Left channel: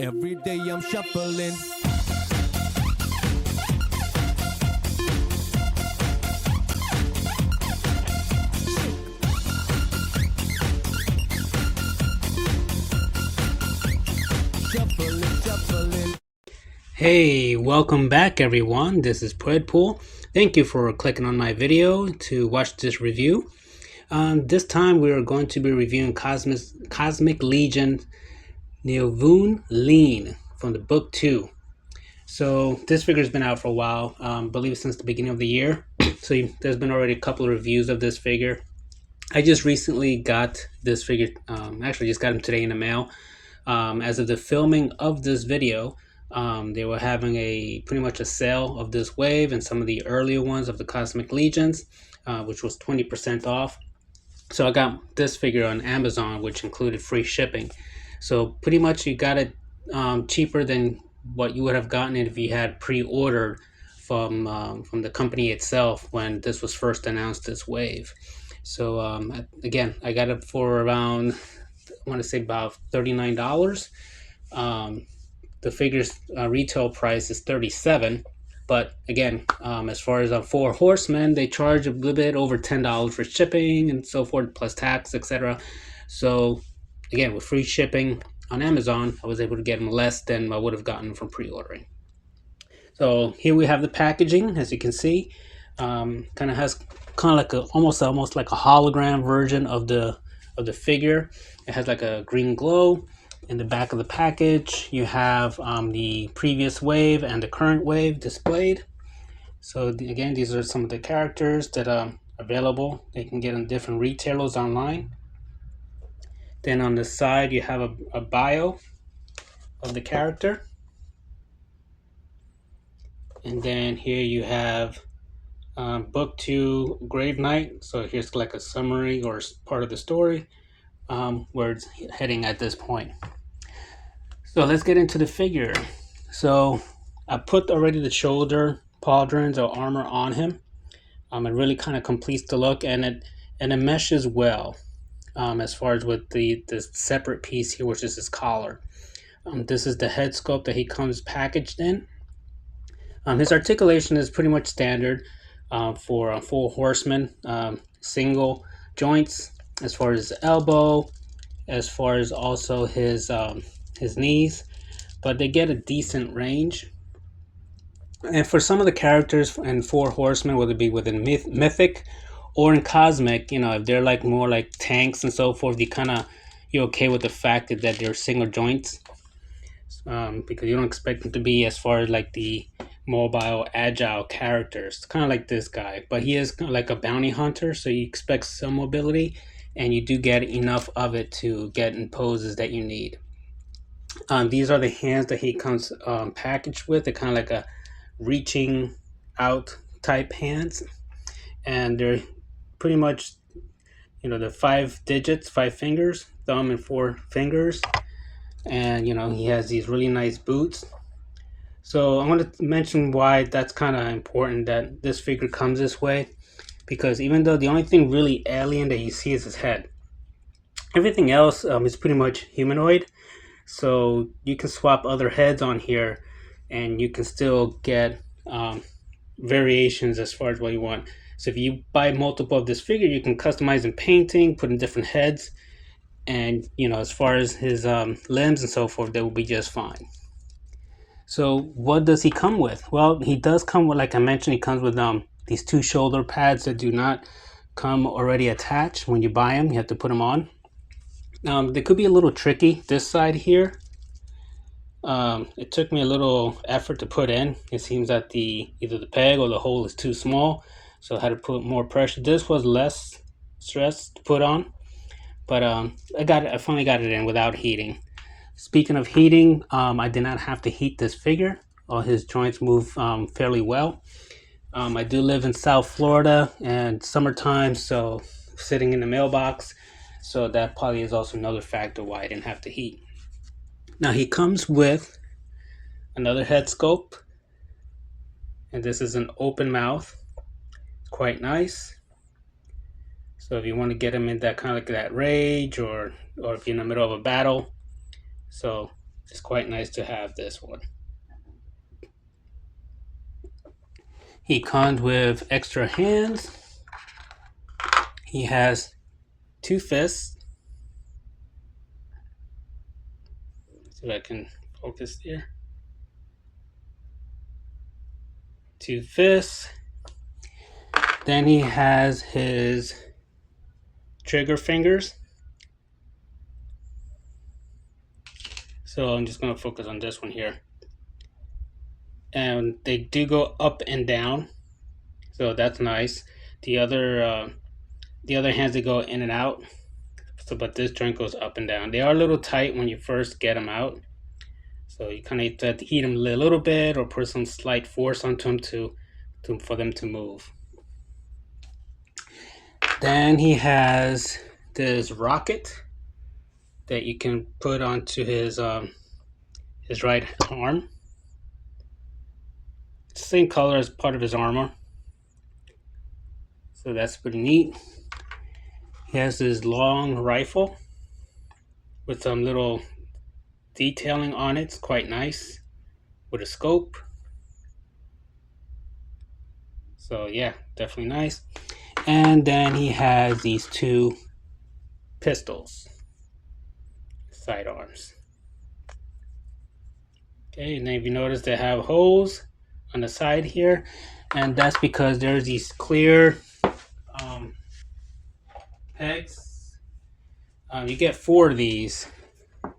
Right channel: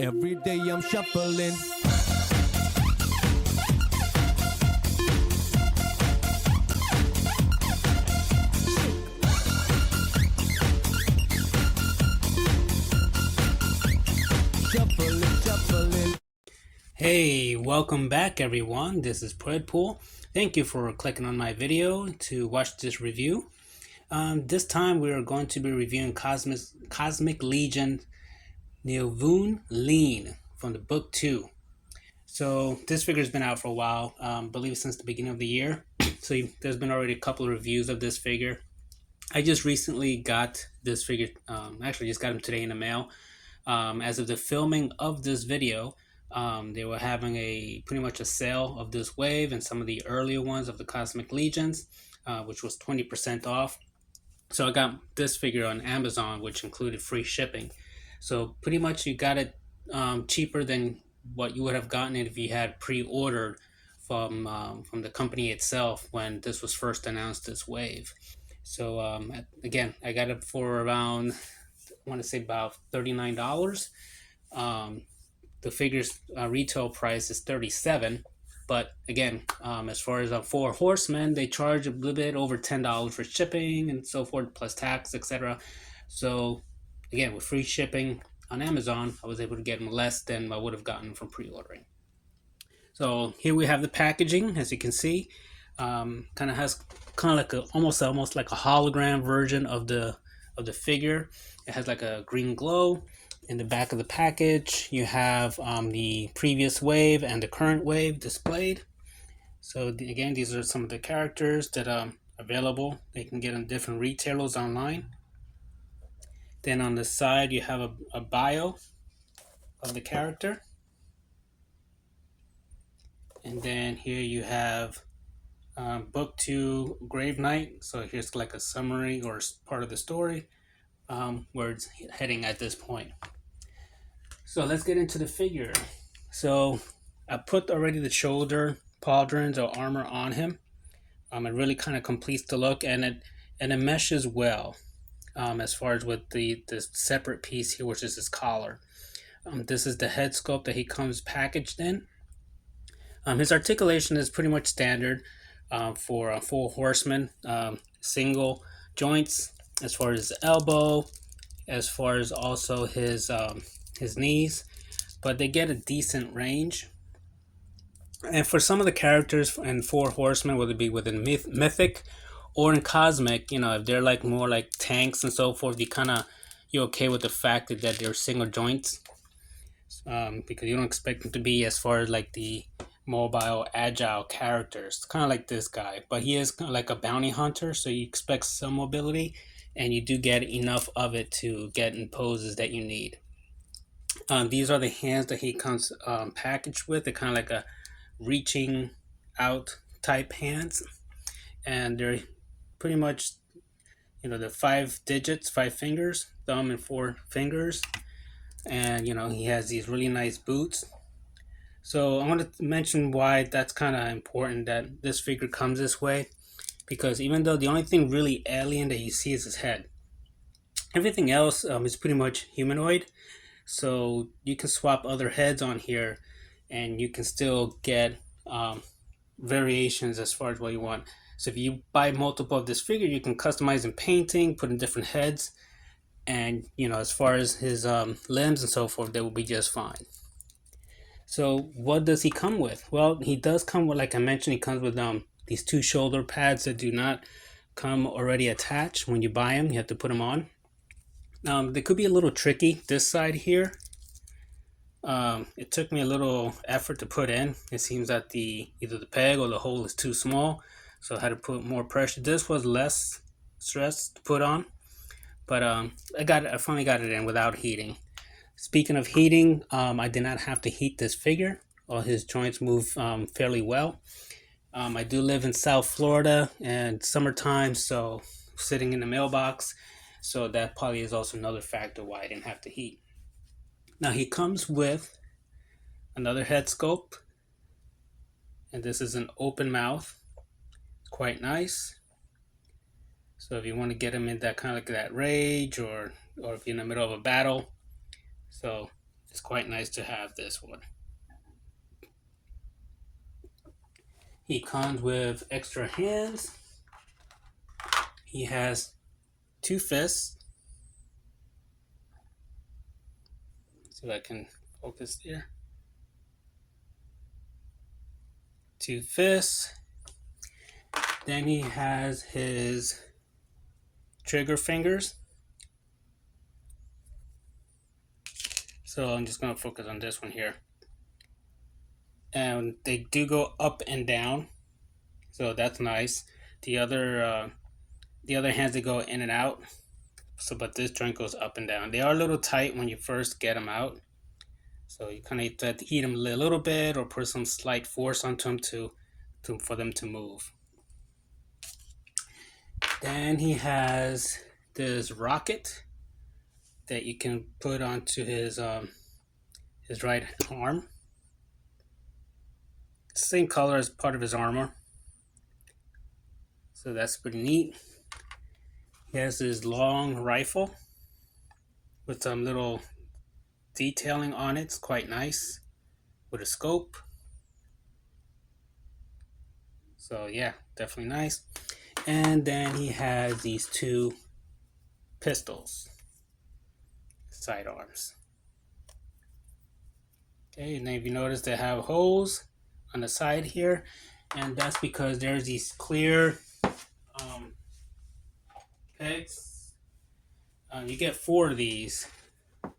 Every day I'm shuffling. Shuffling. Hey, welcome back everyone. This is Predpool. Thank you for clicking on my video to watch this review. This time we are going to be reviewing Cosmic Legion Noveunn Leen from the book 2. So this figure has been out for a while, I believe since the beginning of the year. So there's been already a couple of reviews of this figure. I just recently got this figure, actually just got him today in the mail. As of the filming of this video, they were having pretty much a sale of this wave and some of the earlier ones of the Cosmic Legions, which was 20% off. So I got this figure on Amazon, which included free shipping. So pretty much you got it cheaper than what you would have gotten it if you had pre-ordered from the company itself when this was first announced, this wave. So again, I got it for around, I want to say about $39. The figure's retail price is $37, but again, as far as 4 horsemen, they charge a little bit over $10 for shipping and so forth, plus tax, etc. So again, with free shipping on Amazon, I was able to get them less than I would have gotten from pre-ordering. So here we have the packaging, as you can see. Kind of has like almost like a hologram version of the figure. It has like a green glow. In the back of the package, you have the previous wave and the current wave displayed. So again, these are some of the characters that are available. They can get in different retailers online. Then on the side, you have a bio of the character. And then here you have book 2 Grave Knight. So here's like a summary or part of the story where it's heading at this point. So let's get into the figure. So I put already the shoulder pauldrons or armor on him. It really kind of completes the look, and it meshes well as far as with the separate piece here, which is his collar. This is the head sculpt that he comes packaged in. His articulation is pretty much standard for a 4 horseman, single joints as far as the elbow, as far as also his knees, but they get a decent range. And for some of the characters in 4 horsemen, whether it be within mythic or in cosmic, if they're like more like tanks and so forth, you're okay with the fact that they're single joints, because you don't expect them to be as far as like the mobile, agile characters, kind of like this guy. But he is kind of like a bounty hunter, so you expect some mobility, and you do get enough of it to get in poses that you need. These are the hands that he comes packaged with. They're kind of like a reaching out type hands, and they're pretty much, the 5 digits, 5 fingers, thumb and 4 fingers, and he has these really nice boots. So I want to mention why that's kind of important that this figure comes this way, because even though the only thing really alien that you see is his head, everything else is pretty much humanoid. So you can swap other heads on here and you can still get variations as far as what you want. So if you buy multiple of this figure, you can customize in painting, put in different heads, and as far as his limbs and so forth, they will be just fine. So what does he come with? Well, he does come with, like I mentioned, he comes with these 2 shoulder pads that do not come already attached. When you buy them, you have to put them on. They could be a little tricky. This side here, it took me a little effort to put in. It seems that either the peg or the hole is too small, so I had to put more pressure. This was less stress to put on, but I finally got it in without heating. Speaking of heating, I did not have to heat this figure. All his joints move fairly well. I do live in South Florida and summertime, so sitting in the mailbox. So that probably is also another factor why I didn't have to heat. Now he comes with another head sculpt, and this is an open mouth. It's quite nice. So if you want to get him in that kind of like that rage, or if you're in the middle of a battle, so It's quite nice to have this one. He comes with extra hands. He has 2 fists. See if I can focus there. 2 fists. Then he has his trigger fingers. So I'm just going to focus on this one here. And they do go up and down, so that's nice. The other hands, they go in and out. So, but this joint goes up and down. They are a little tight when you first get them out, so you kind of have to heat them a little bit or put some slight force onto them for them to move. Then he has this rocket that you can put onto his right arm. Same color as part of his armor, so that's pretty neat. He has this long rifle with some little detailing on it. It's quite nice, with a scope. So yeah, definitely nice. And then he has these 2 pistols, sidearms. Okay, and then if you notice, they have holes on the side here, and that's because there's these clear pegs. You get 4 of these. You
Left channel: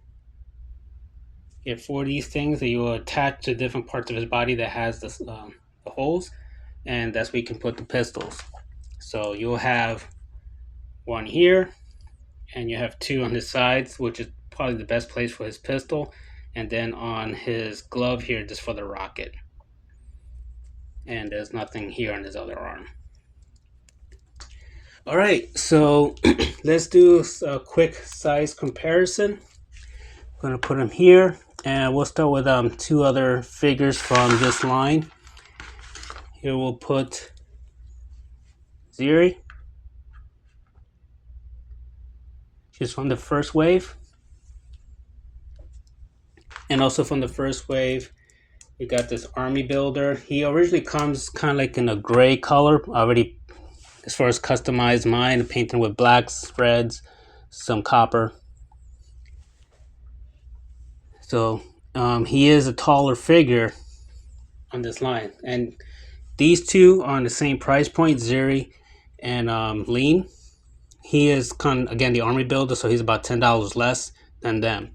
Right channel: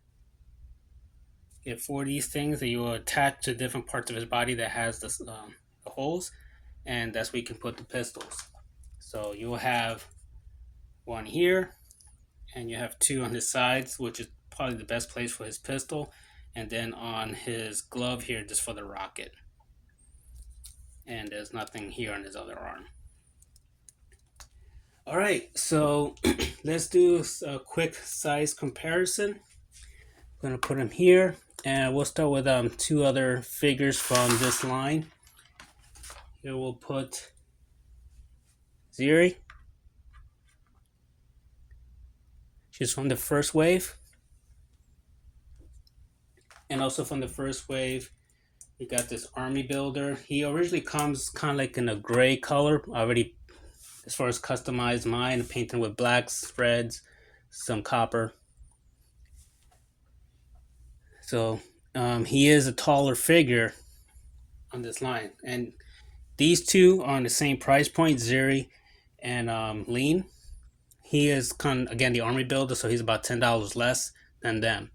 get 4 of these things that you will attach to different parts of his body that has the holes, and that's where you can put the pistols. So you'll have 1 here, and you have 2 on the sides, which is probably the best place for his pistol, and then on his glove here just for the rocket. And there's nothing here on his other arm. All right, so let's do a quick size comparison. I'm gonna put them here, and we'll start with 2 other figures from this line. Here we'll put Ziri. She's from the first wave. And also from the first wave, we got this army builder. He originally comes kind of like in a gray color. Already, as far as customized mine, painted with blacks, reds, some copper. So he is a taller figure on this line. And these 2 are on the same price point, Ziri and Leen. He is again the army builder, so he's about $10 less than them.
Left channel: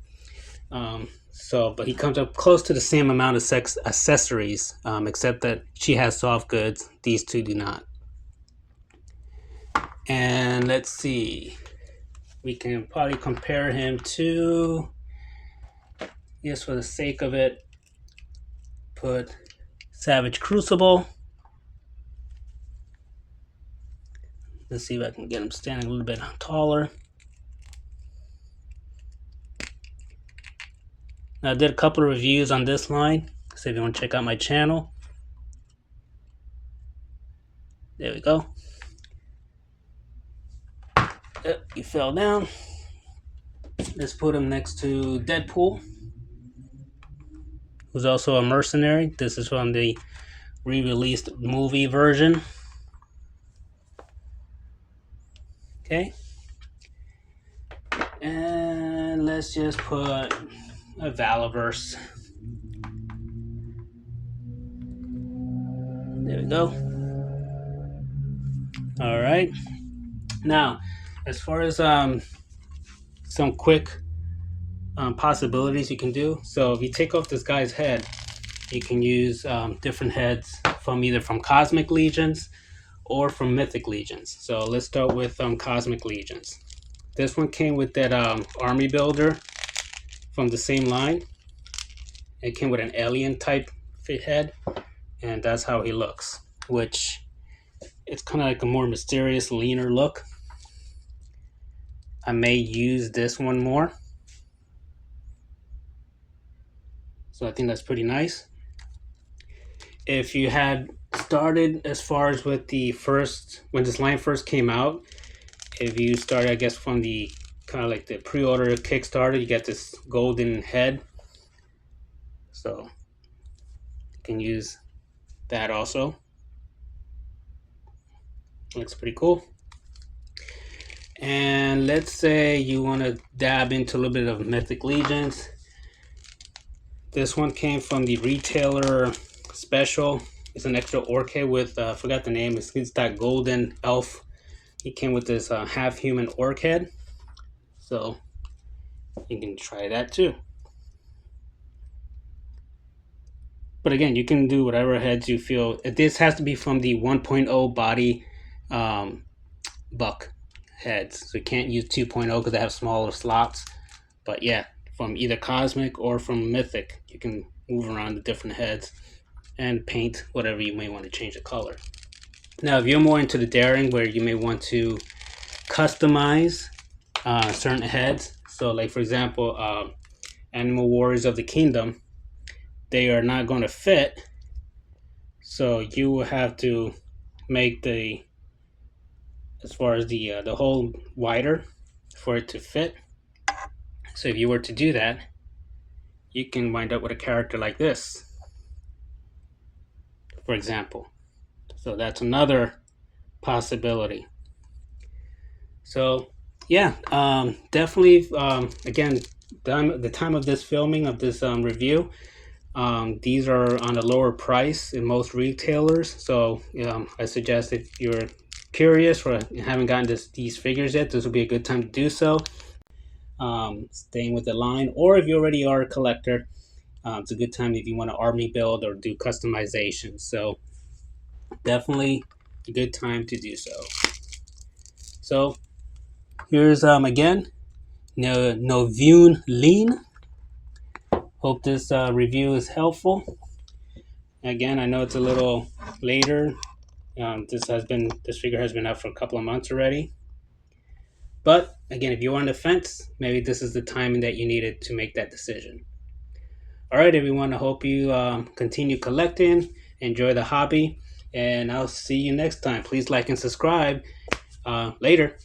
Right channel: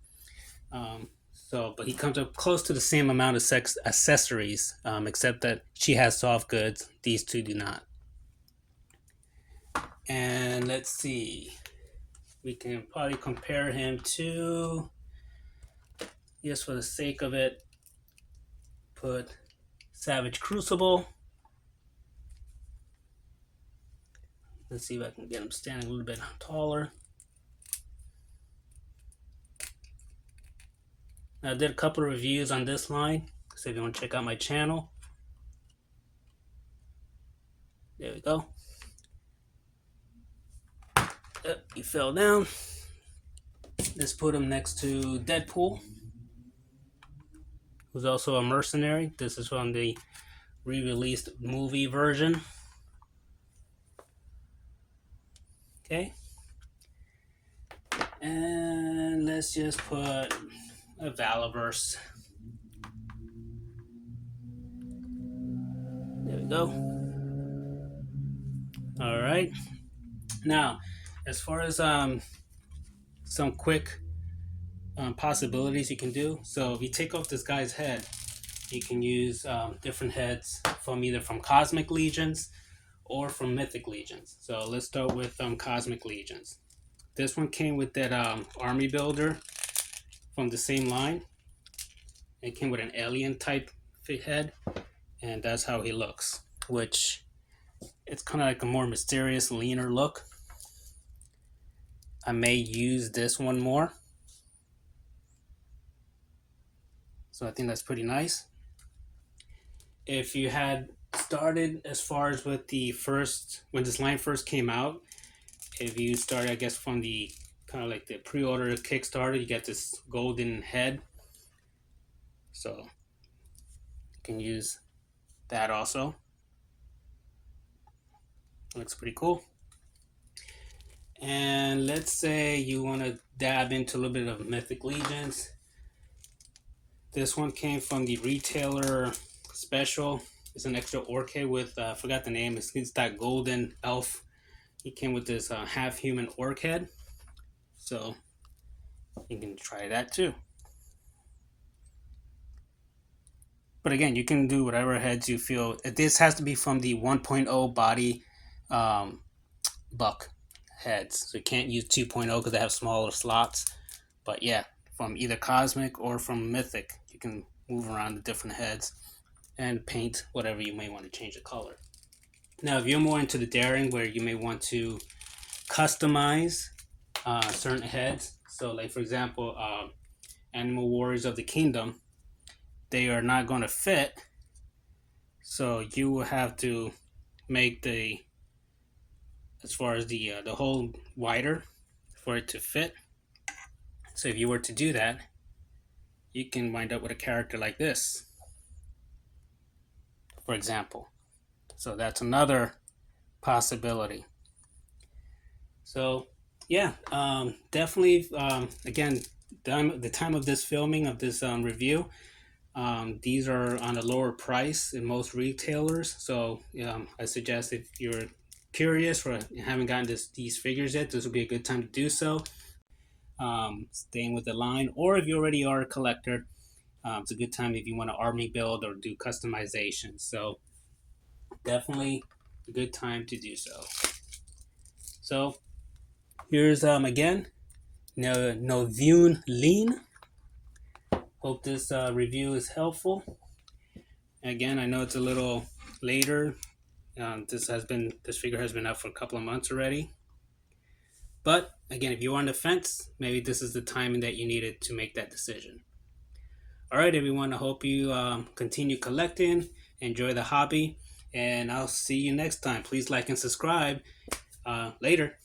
But he comes up close to the same amount of accessories, except that she has soft goods. These 2 do not. And let's see, we can probably compare him to, just for the sake of it, put Savage Crucible. Let's see if I can get him standing a little bit taller. Now, I did a couple of reviews on this line, so if you want to check out my channel. There we go. He fell down. Let's put him next to Deadpool, who's also a mercenary. This is from the re-released movie version. Okay. And let's just put a Valaverse. There we go. All right. Now, as far as some quick possibilities you can do. So if you take off this guy's head, you can use different heads from either from Cosmic Legions or from Mythic Legions. So let's start with Cosmic Legions. This one came with that army builder from the same line. It came with an alien type fit head, and that's how he looks, which it's kind of like a more mysterious, leaner look. I may use this one more. So I think that's pretty nice. If you had started as far as with the first, when this line first came out, if you started, I guess, from the kind of like the pre-order Kickstarter, you get this golden head So you can use that also. Looks pretty cool. And let's say you want to dab into a little bit of Mythic Legions. This one came from the retailer special. It's an extra orchid with, I forgot the name, it's that golden elf. He came with this half human orchid. So you can try that too. But again, you can do whatever heads you feel. This has to be from the 1.0 body buck heads. So you can't use 2.0 because they have smaller slots. But yeah, from either Cosmic or from Mythic, you can move around the different heads and paint whatever you may want to change the color. Now, if you're more into the daring, where you may want to customize certain heads. So like, for example, Animal Warriors of the Kingdom, they are not going to fit. So you will have to make as far as the hole wider for it to fit. So if you were to do that, you can wind up with a character like this, for example. So that's another possibility. So yeah, definitely. Again, the time of this filming of this review, these are on a lower price in most retailers. So I suggest if you're curious or haven't gotten these figures yet, this will be a good time to do so. Staying with the line, or if you already are a collector, it's a good time if you want to army build or do customization. So definitely a good time to do so. So here's again Noveunn Leen. Hope this review is helpful. Again, I know it's a little later. This figure has been out for a couple of months already. But again, if you're on the fence, maybe this is the timing that you needed to make that decision. All right, everyone. I hope you continue collecting, enjoy the hobby, and I'll see you next time. Please like and subscribe. Later.